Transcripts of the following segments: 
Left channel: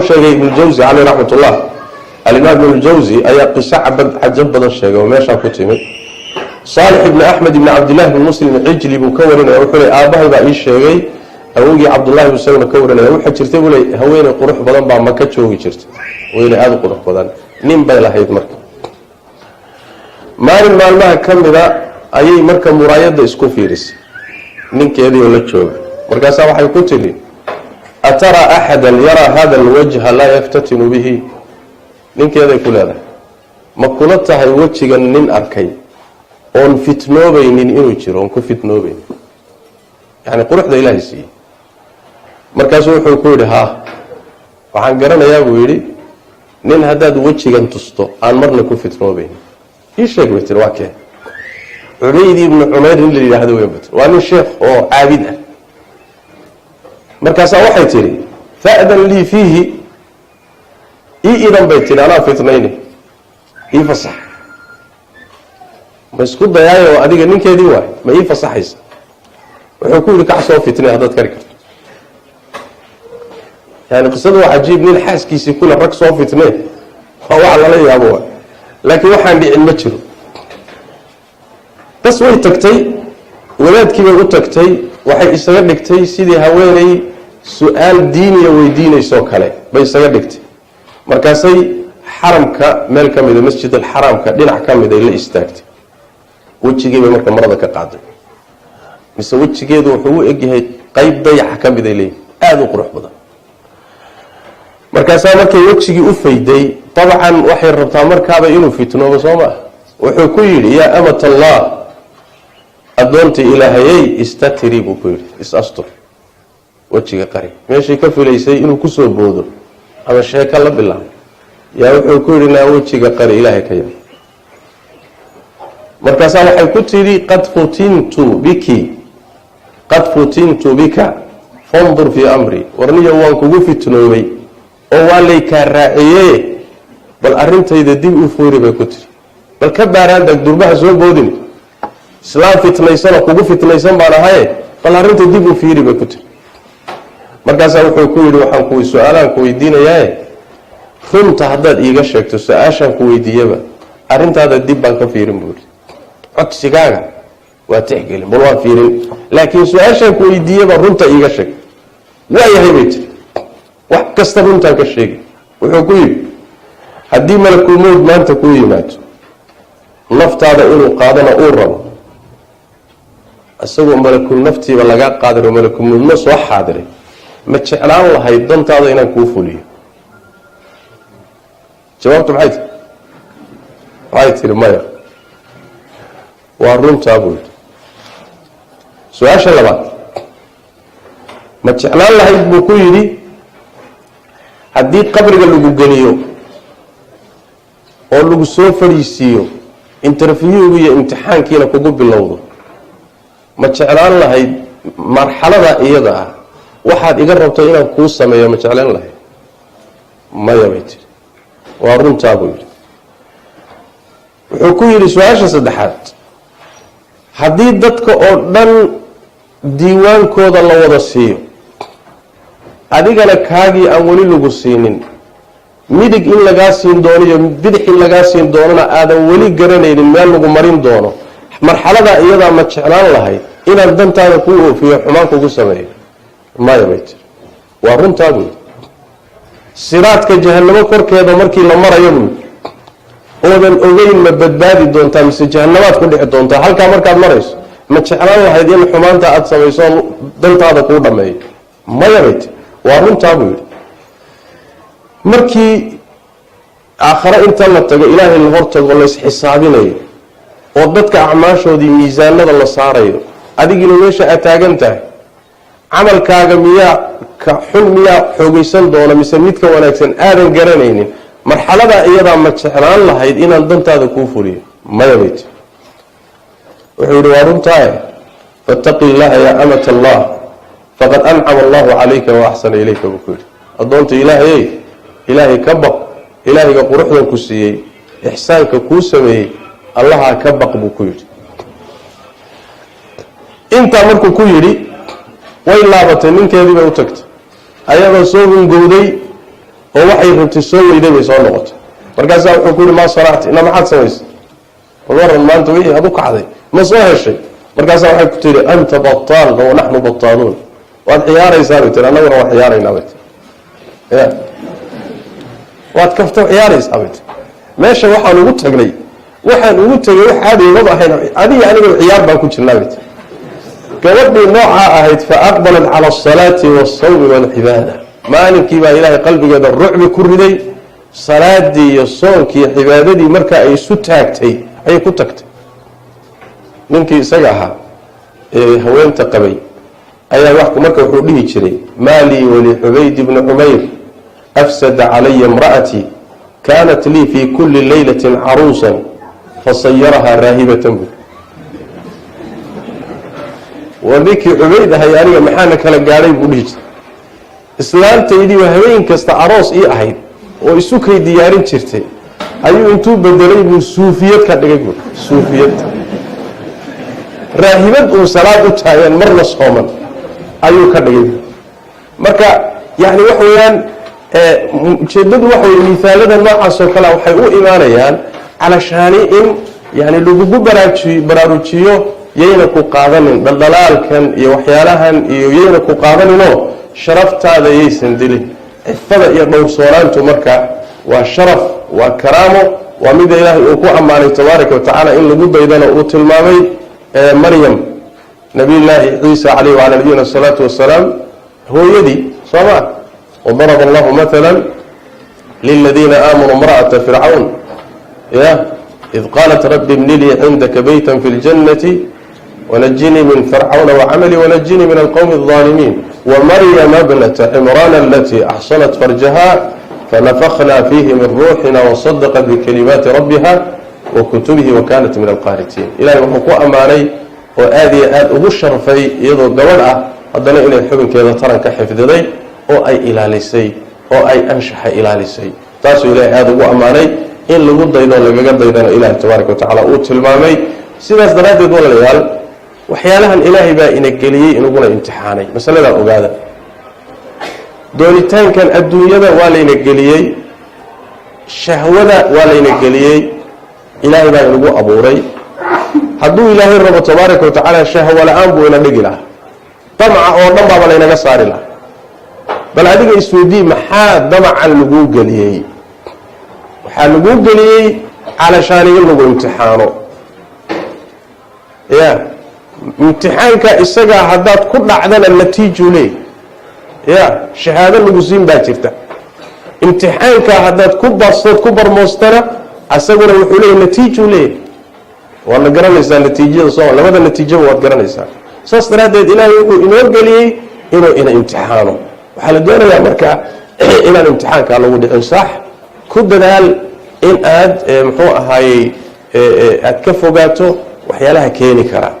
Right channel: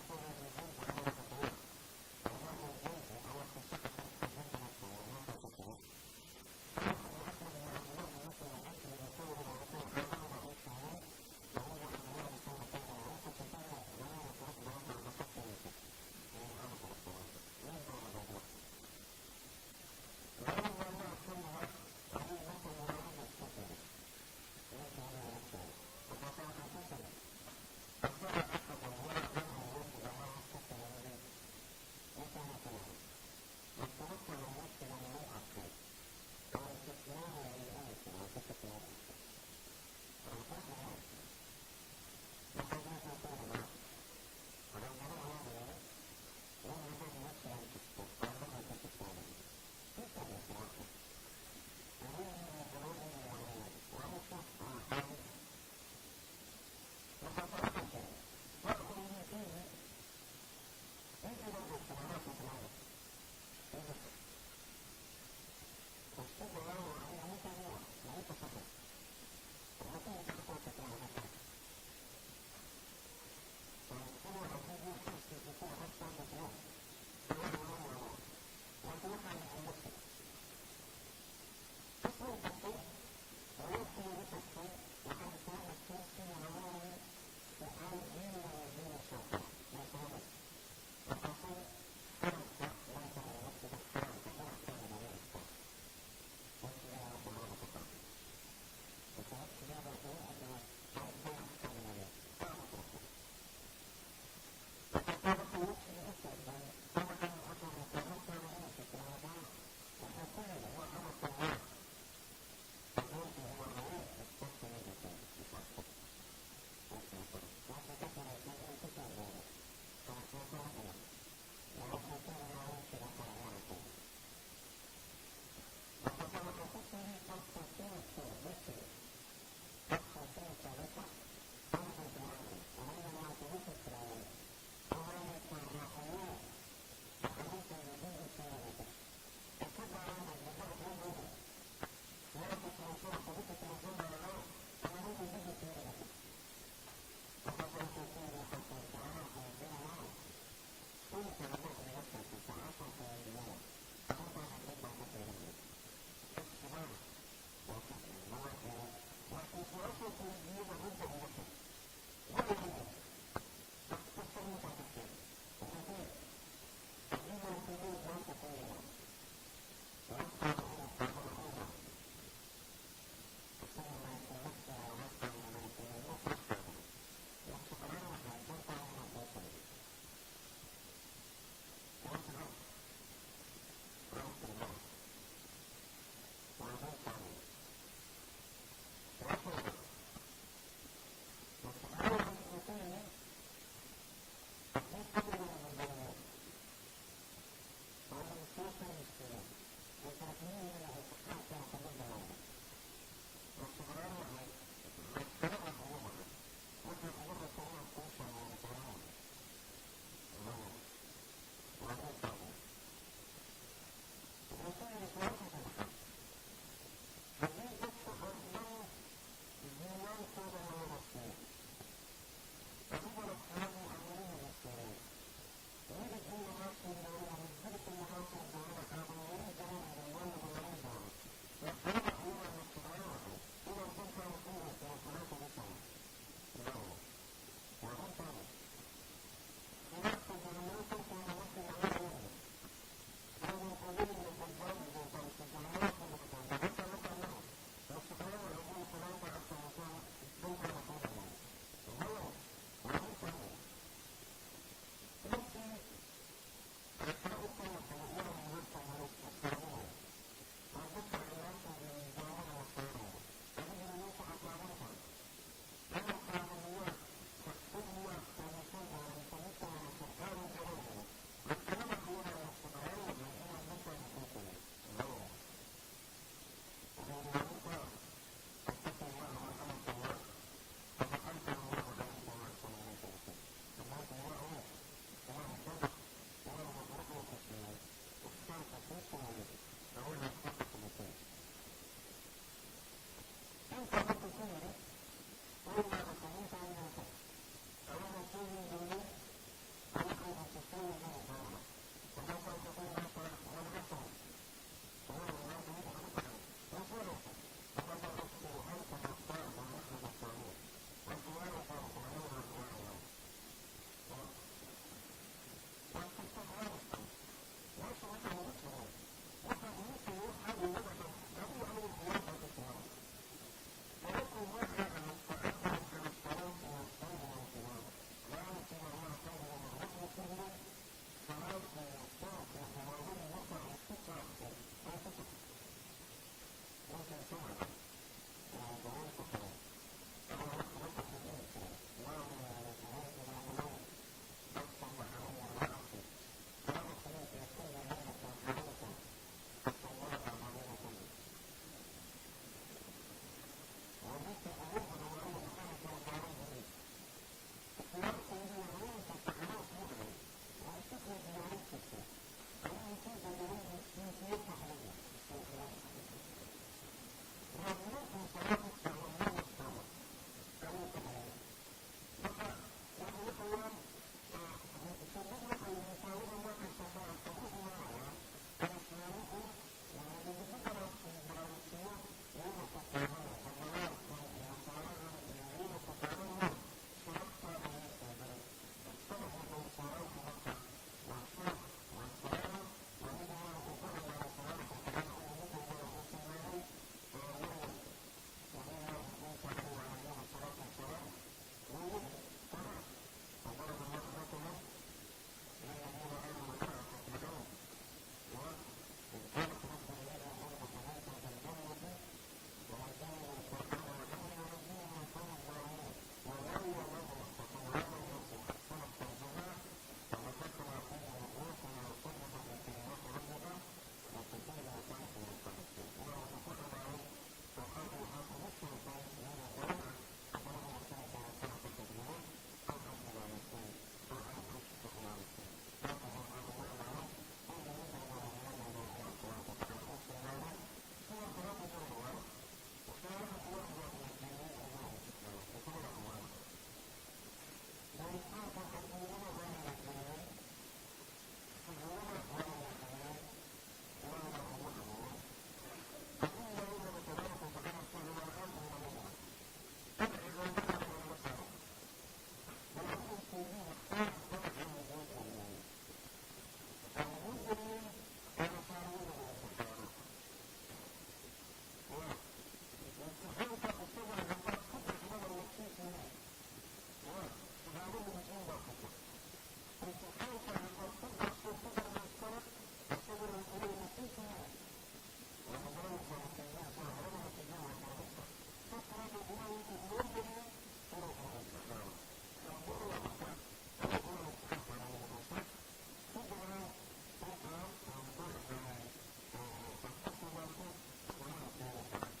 شيء ابن الجوزي عليه رحمة الله الإمام ابن الجوزي أي قصة عجب بدر الشيء وماشى كتمه صالح بن أحمد بن عبد الله بن مسلم العجلي بكورنا وحولي آباه بأي شيء أوجي عبد الله بن سلمة كورنا وحول شرته ولا هوين قروح بدن بعد ما كتشوي شرته وين هذا قروح بدن نيم بلا هيد مركب ما كم ذا أي مركب مرايد إسكو فيرس نين كذي ولا تشوي مركب سواء حيكتلي أترى أحدا يرى هذا الوجه لا يفتتن به نين كذا يقول هذا ما كنتها الوجه نين أركي on fitnoobeynin inuu jiro on ku fitnoobeyn yani quruxda ilaahay siiyey markaasuu wuxuu ku yidhi haa waxaan garanayaa buu yidhi nin haddaad wejigan tusto aan marna ku fitnoobeyn ii sheeg bay tiri waa kee cubayd ibnu cumayr in la yidhaahdo weyn bat waa nin sheekh oo caabid ah markaasaa waxay tidhi fa'dan lii fiihi ii idan bay tidhi anaa fitnayni ii fasax ma isku dayaayo adiga ninkeedii waay ma ii fasaxaysa wuxuu ku yidhi kac soo fitnay haddaad kari karto yani qisadu waa cajiib nin xaaskiisii kule rag soo fitnay waa wax lala yaabo waay laakiin waxaan dhicin ma jiro bas way tagtay wadaadkii bay u tagtay waxay isaga dhigtay sidii haweenay su-aal diiniya weydiinaysoo kale bay isaga dhigtay markaasay xaramka meel ka mida masjid alxaraamka dhinac ka mid ay la istaagtay wejigeebay marka marada ka qaaday mise wejigeedu wuxuu u egyahay qayb dayaxa ka mid ay leeyihin aada u qurux badan markaasaa markay wejigii u fayday dabcan waxay rabtaa markaaba inuu fitnoobo soo maa wuxuu ku yidhi yaa amat allah addoontii ilaahayey istatiri buu ku yidhi is-astur wejiga qari meeshii ka filaysay inuu kusoo boodo ama sheeka la bilaabo yaa wuxuu ku yidhi naa wejiga qari ilaahay ka yaab markaasaa waxay ku tidhi qad futintu bika fandur fii amri warniyo waan kugu fitnoobay oo waa laykaa raaciye bal arrintayda dib u fuuri bay ku tidhi bal ka baaraandag durbaha soo boodin islaam fitnaysanoo kugu fitnaysan baan ahaye bal arrinta dib u fiiri bay ku tidhi markaasaa wuxuu ku yidhi waxaan su-aalaan ku weydiinayaaye runta haddaad iiga sheegto su-aashaan ku weydiiyaba arrintaada dib baan ka fiirin buu yidhi codsigaaga waa tixgelin bal waan fiirin laakiin su-aashaan ku weydiiyaba runta iiga sheeg waayahay bay tiri wax kasta runtaan ka sheegi wuxuu ku yidhi haddii malakulmowd maanta kuu yimaado naftaada inuu qaadana uu rabo isagoo malakul naftiiba lagaa qaadiro malakulmowdna soo xaadiray ma jeclaan lahayd dantaada inaan kuu fuliyo jawaabtu maxay tiri maya waa runtaa buu yidhi su-aasha labaad ma jeclaan lahayd buu ku yidhi haddii qabriga lagu geliyo oo lagu soo fadhiisiiyo interviewgu iyo imtixaankiina kugu bilowdo ma jeclaan lahayd marxalada iyada ah waxaad iga rabto inaan kuu sameeyo ma jeclaan lahayd maya bay tiri waa runtaa buu yidhi wuxuu ku yidhi su-aasha saddexaad haddii dadka oo dhan diiwaankooda la wada siiyo adigana kaagii aan weli lagu siinin midig in lagaa siin doono iyo bidix in lagaa siin doonona aadan weli garanaynin meel lagu marin doono marxaladaa iyadaa ma jeclaan lahayd inaan dantaada kuu oofiyo xumaan kugu sameeyo maya bay tiri waa runtaa buu yidhi siraadka jahanamo korkeeda markii la marayo buu oodan ogeyn ma badbaadi doontaa mise jahannamaad ku dhici doontaa halkaa markaad marayso ma jeclaan lahayd in xumaanta aada samayso dantaada kuu dhammeeyo maya bay tiri waa runtaa buu yidhi markii aakhare inta la tago ilaahay la hortago laysxisaabinayo oo dadka acmaashoodii miisaanada la saarayo adigina meesha aad taagan tahay camalkaaga miyaa ka xun miyaa xoogaysan doona mise midka wanaagsan aadan garanaynin marxaladaa iyadaa ma jeclaan lahayd inaan dantaada kuu fuliyo maya bay tiri wuxuu yidhi waa runtaaye fattaqi illaha yaa amata allah faqad ancama allahu calayka wa axsana ilayka buu ku yidhi addoonta ilaahayey ilaahay ka baq ilaahayga quruxdan ku siiyey ixsaanka kuu sameeyey allahaa ka baq buu ku yidhi intaa markuu ku yidhi way laabatay ninkeedii bay u tagtay ayadoo soo hungowday oo waxay runtii soo weyday bay soo noqotay markaasaa wuxuu ku yidhi maa sanacti ina maxaad samaysay waran maanta wixii aad u kacday ma soo heshay markaasaa waxay ku tihi anta bataal wa naxnu bataaluun waad ciyaaraysaa bay tiri annaguna waan ciyaaraynaa bay tiri ya waad kafta ciyaaraysaa bay tiri meesha waxaan ugu tagay wax caadi uma ahayn adiga aniga ciyaar baan ku jirnaa bay tiri gabadhii noocaa ahayd fa aqbalat cala asalaati waasawmi waalcibaada maalinkii baa ilaahay qalbigeeda rucbi ku riday salaadii iyo soonkii iyo cibaadadii markaa ay isu taagtay ayay ku tagtay ninkii isaga ahaa ee haweenta qabay ayaa marka wuxuu dhihi jiray maalii walixubayd ibni cumayr afsada calaya imra'atii kaanat lii fii kulli laylatin caruusan fasayarahaa raahibatan bu waa ninkii cubayd ahay aniga maxaana kala gaadhay buu dhihi jiray islaantaydii waa habeen kasta aroos ii ahayd oo isukay diyaarin jirtay ayuu intuu bedelay buu suufiyad ka dhigay buu suufiyad raahibad uu salaad u taagan marna sooman ayuu ka dhigay marka yani wax weeyaan ujeedadu waxa wey miaalada noocaasoo kale waxay u imaanayaan calashaani in yani lagugu baraarujiyo yayna ku qaadanin dhaldhalaalkan iyo waxyaalahan iyo yayna ku qaadaninoo sharaftaada yaysan dilin cifada iyo dhowrsoonaantu marka waa sharaf waa karaamo waa mida ilaahay uu ku ammaanay tabaaraka watacaala in lagu daydana uu tilmaamay maryam nabiyullaahi ciisa calayhi wacala nabiyina asalaatu wasalaam hooyadii sooma wadaraba allahu matala liladiina aamanuu imra'ata fircawn ya id qaalat rabbi ibni lii cindaka baytan fi ljannati ونجني من فرعون وعملي ونجني من القوم الظالمين ومريم ابنة عمران التي أحصنت فرجها فنفخنا فيه من روحنا وصدقت بكلمات ربها وكتبه وكانت من القانتين إلهي وحكو أماني وآذي أبو الشرفي يضو الدولة هذا إلى الحبن كذا ترى كحفظ ذي أو أي إلى لسي أو أي أنشح إلى لسي تاسو إلهي هذا أبو أماني إن لقد أيضا لقد أيضا إلهي تبارك وتعالى أوت المامي سيداس درادي دول العيال waxyaalahan ilaahay baa ina geliyey inuguna imtixaanay masaladaa ogaada doonitaankan adduunyada waa layna geliyey shahwada waa layna geliyey ilaahay baa inagu abuuray hadduu ilaahay rabo tabaaraka watacaala shahwo la-aan buu ina dhigi lahaa damca oo dhan baaba laynaga saari lahaa bal adiga isweydii maxaa damacan laguu geliyey waxaa laguu geliyey calashaani in lagu imtixaano ya imtixaanka isagaa haddaad ku dhacdana natiiju leey ya shahaado lagu siin baa jirta imtixaanka haddaad ku bastood ku barmoostana asaguna wuxuu leeyahy natiiju leey waadna garanaysaa natiijada soo labada natiijaba waad garanaysaa saas daraaddeed ilaahay wuxuu inoo geliyey inuu ina imtixaano waxaa la doonayaa marka inaan imtixaankaa lagu dhicin sax ku dadaal in aad muxuu ahaayey aad ka fogaato waxyaalaha keeni karaa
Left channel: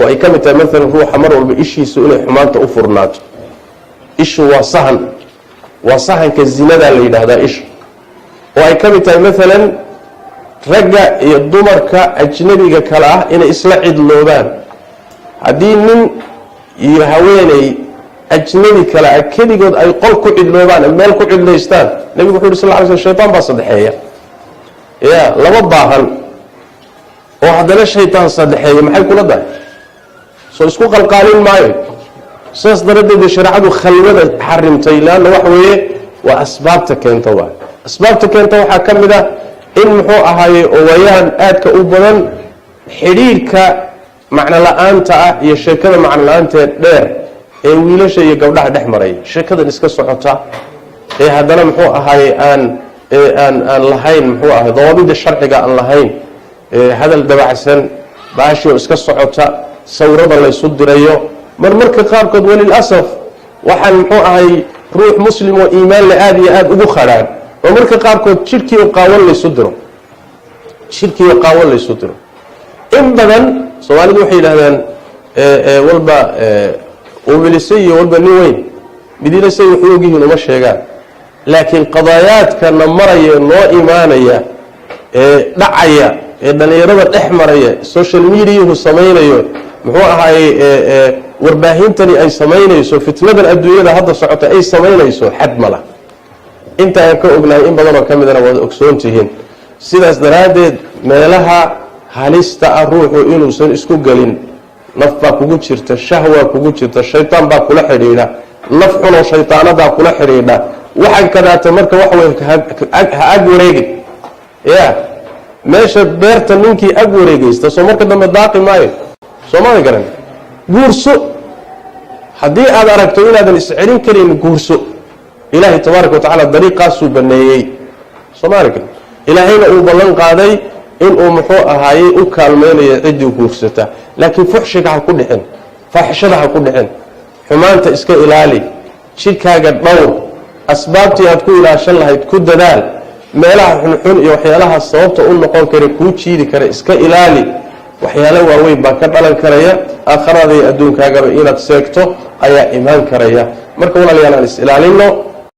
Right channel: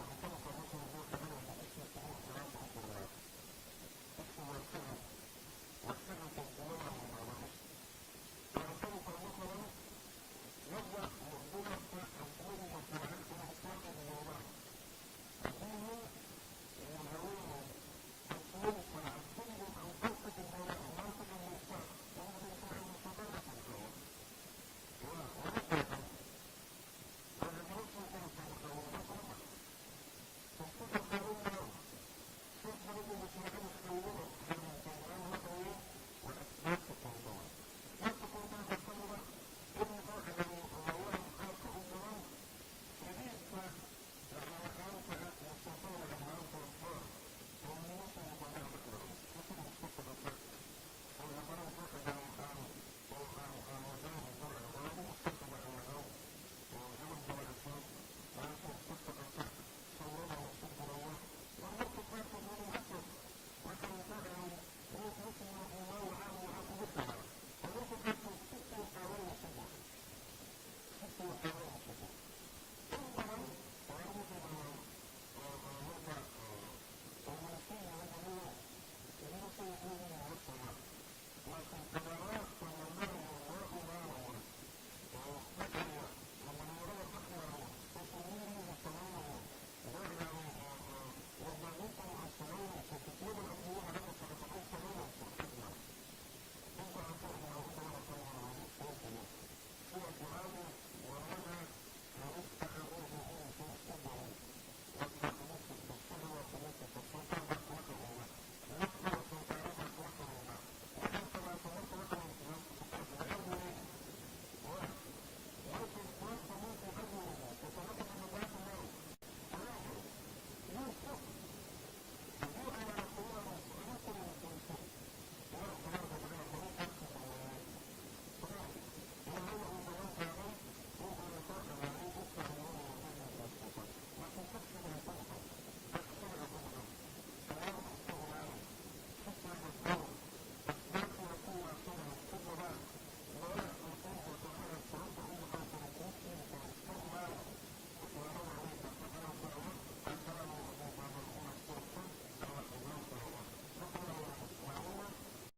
oo ay ka mid tahay maalan ruuxa mar walba ishiisu inay xumaanta u furnaato ishu waa sahanka zinadaa la yidhaahdaa ishu oo ay ka mid tahay maalan ragga iyo dumarka ajnabiga kale ah inay isla cidloobaan haddii nin iyo haweeney ajnabi kale ah keligood ay qol ku cidloobaan meel ku cidlaystaan nabigu wuxu yhi sal ly sl shaytaan baa saddexeeya ya laba baahan oo haddana shaytaan saddexeeya maxay kula dahay soo isku qalqaalin maayo saas daradeed shareecadu khalwada xarimtay laana wax weeye waa asbaabta keenta waa asbaabta keenta waxaa ka mid ah in muxuu ahaaye owayahan aadka u badan xidhiirka macno la-aanta ah iyo sheekada macno la-aanteed dheer ee wiilasha iyo gabdhaha dhex maray sheekadan iska socota ee haddana muxuu ahaaye aan lahayn muxuu ahay dawaabida sharciga aan lahayn hadal dabacsan baashio iska socota sawirada laysu dirayo marmarka qaarkood walilasaf waxaan muxuu ahay ruux muslim oo iimaan le aada iyo aada ugu khadhaan oo marka qaarkood jidhkiio qaawan laysu diro in badan soomaalidu waxay yidhahdaan walba ubilise iyo walba nin weyn midinasay waxu ogyihiin uma sheegaan laakiin qadaayaadkana maraya noo imaanaya ee dhacaya ee dhalinyarada dhex maraya social mediahu samaynayo muxuu ahaayey warbaahintani ay samaynayso fitnadan adduunyada hadda socota ay samaynayso xad mala inta aan ka ognahay in badan oo ka midana waad ogsoon tihiin sidaas daraaddeed meelaha halista ah ruuxu inuusan isku gelin naf baa kugu jirta shahwaa kugu jirta shaytaan baa kula xidhiidha naf xunoo shaytaanadaa kula xidhiidha waxaan kadaata marka wax wey ha ag wareegin ya meesha beerta ninkii ag wareegaysta soo marka dambe daaqi maayo soomada garan guurso haddii aad aragto inaadan iscelin karin guurso ilaahay tabaaraka watacaala dariiqaasuu baneeyey soomaalika ilaahayna uu ballan qaaday inuu muxuu ahaayey u kaalmaynayo ciddii guursata laakiin fuxshiga ha ku dhicin faaxishada ha ku dhicin xumaanta iska ilaali jidhkaaga dhowr asbaabtii aad ku ilaashan lahayd ku dadaal meelaha xunxun iyo waxyaalaha sababta u noqon kara kuu jiidi kara iska ilaali waxyaalo waaweyn baa ka dhalan karaya aakhirada iyo adduunkaagaba inaad seegto ayaa imaan karaya marka walaalayaal aan is ilaalino